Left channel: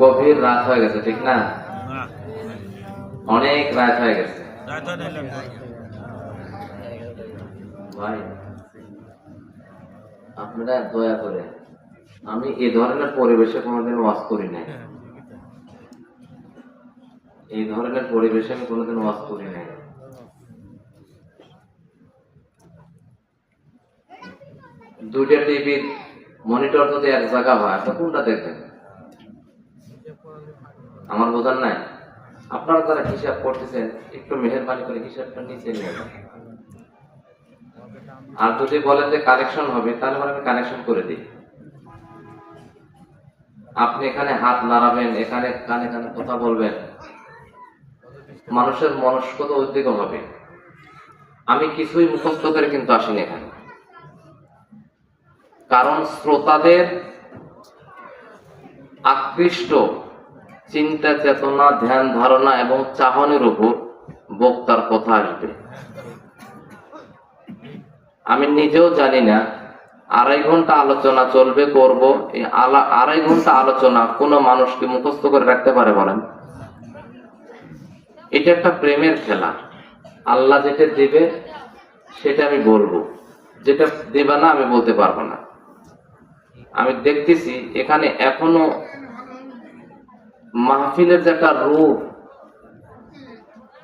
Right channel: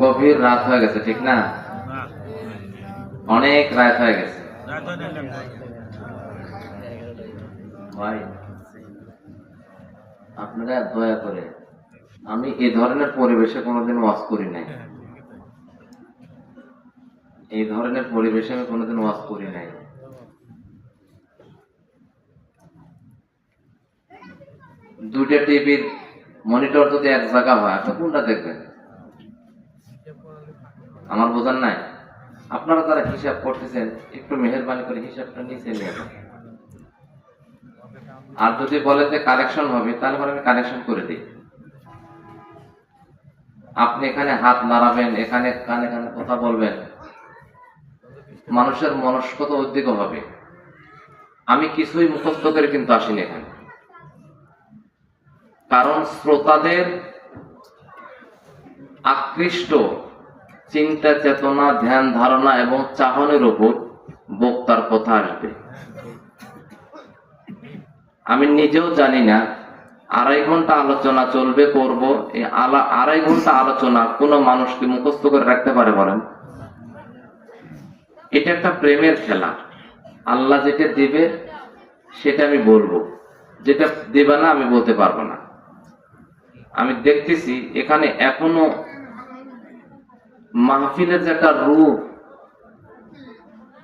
গভীর রাত হয়ে গেছে ঠিক না? অনেক রাত হয়ে গেছে। ভাই আপনারা দয়া করে আমি এই ধরনের পরিবেশে কোনোদিন ওয়াজ করি নাই। এই ধরনের পরিবেশে আমি কোনোদিন ওয়াজ করি নাই। দুইটা টিভির মনিটর যদি এক জায়গা হয়, আপনি কোনটা দেখবেন? আমার বোঝার নাই। আপনারা তারা হিসাব করতেছেন, একটু মেহরবানি করে হিসাবটা নিচে নেবেন আর যদি বলে যে কানেকশন হবে, তাহলে আমি কানেকশন করে দিই। আপনি এখানে হাত নাড়াবেন, এখানে কানে কানে কথা বলবেন। মানুষের মনস্কত উদ্যোগ হবে। আমি কিছুই মুখস্থ করে কিন্তু আসিনি এখানে। কারণ শ্রোতাদের আকৃষ্ট চিন্তা, চেতনা, ধ্যান, ধারণা এবং চাহনের উপর বক্তার কথা আসবে। আমি নিজেও জানি না, আড়াই ঘণ্টা আলোচনা চলবে, করব। এই আড়াই ঘণ্টা আলোচনা কোনো মানুষকে মুখস্থ করে রাখতে পারে বলেন? এটা একটা প্রেমের খেলা। আল্লাহ যেটা দেবে, সেটা আমি বলব। যেটা দেবে না, আমি বলতে পারব না। আমি দেখতেছি এখানে এখনও মাহফিলের যে একটা রূপ,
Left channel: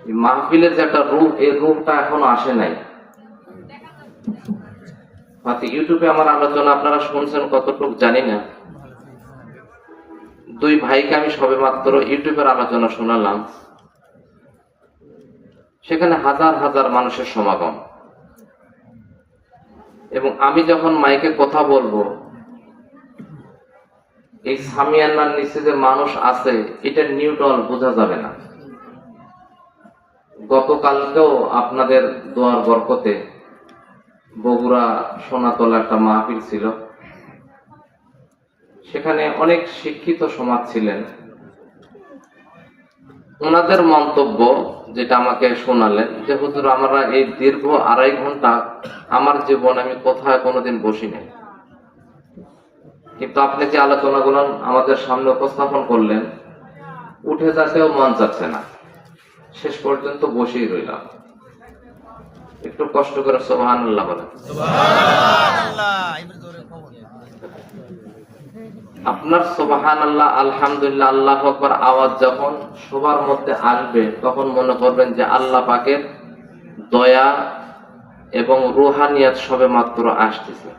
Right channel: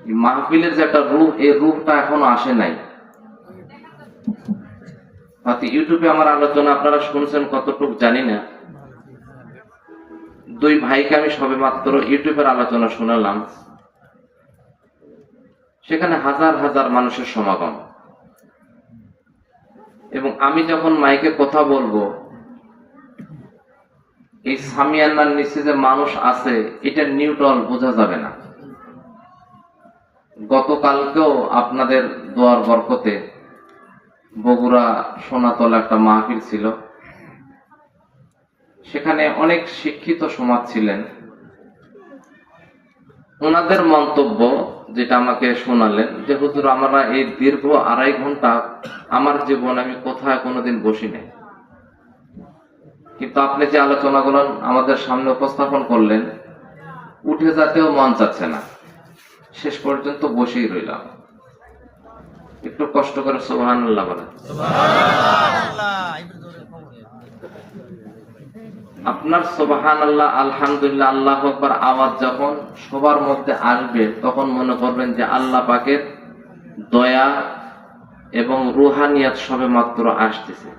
মাহফিলের যে একটা রূপ, এই রূপটা এখনও আসে নাই। ইউটিউবে আমার আলোচনা, আপনারা শুনছেন কতটুকু জানি না। দুই ভাইকে আমি সবে মাত্র ইউটিউবের আলোচনা শোনালাম। সেখানে হাজার হাজার মানুষের সমাগম। এবং আমি যখন মাইকে কথা বলব এই সামিয়ান্নার নিচে যে মানুষ আছে, এটা নিউটন বোঝা যাবে না। গতকালকেও আপনাদের দোয়ার বরকতে বগুড়া সোনাতলা একটা মাহফিল ছিল। সেখানে অনেক শিক্ষিত সমাজ ছিলেন। ওনাদের মন্তব্য যেটা আমাকে শোনালেন, যে হুজুর, আমরা এই দীর্ঘ আড়াই ঘণ্টা আমার জীবনে আমি কোথায় কোনোদিন বসি নাই। কিন্তু আপনি যে আলোচনাগুলো আমাদের সামনে উপস্থাপন করলেন, উঠে যেতেও মন চাচ্ছে না। শেষ পর্যন্ত বসেই রইলাম। একটু কষ্ট করে সোহান আপনার সোবাহান আল্লাহ আলহামদুলিল্লাহ, আল্লাহ আকবার আওয়াজ যখন সবার মধ্যে আসবে, তখন মনে করবেন যে আল্লাহ পাকের দয়া এবং রুহানিয়াত সবে মাত্র আসতেছে।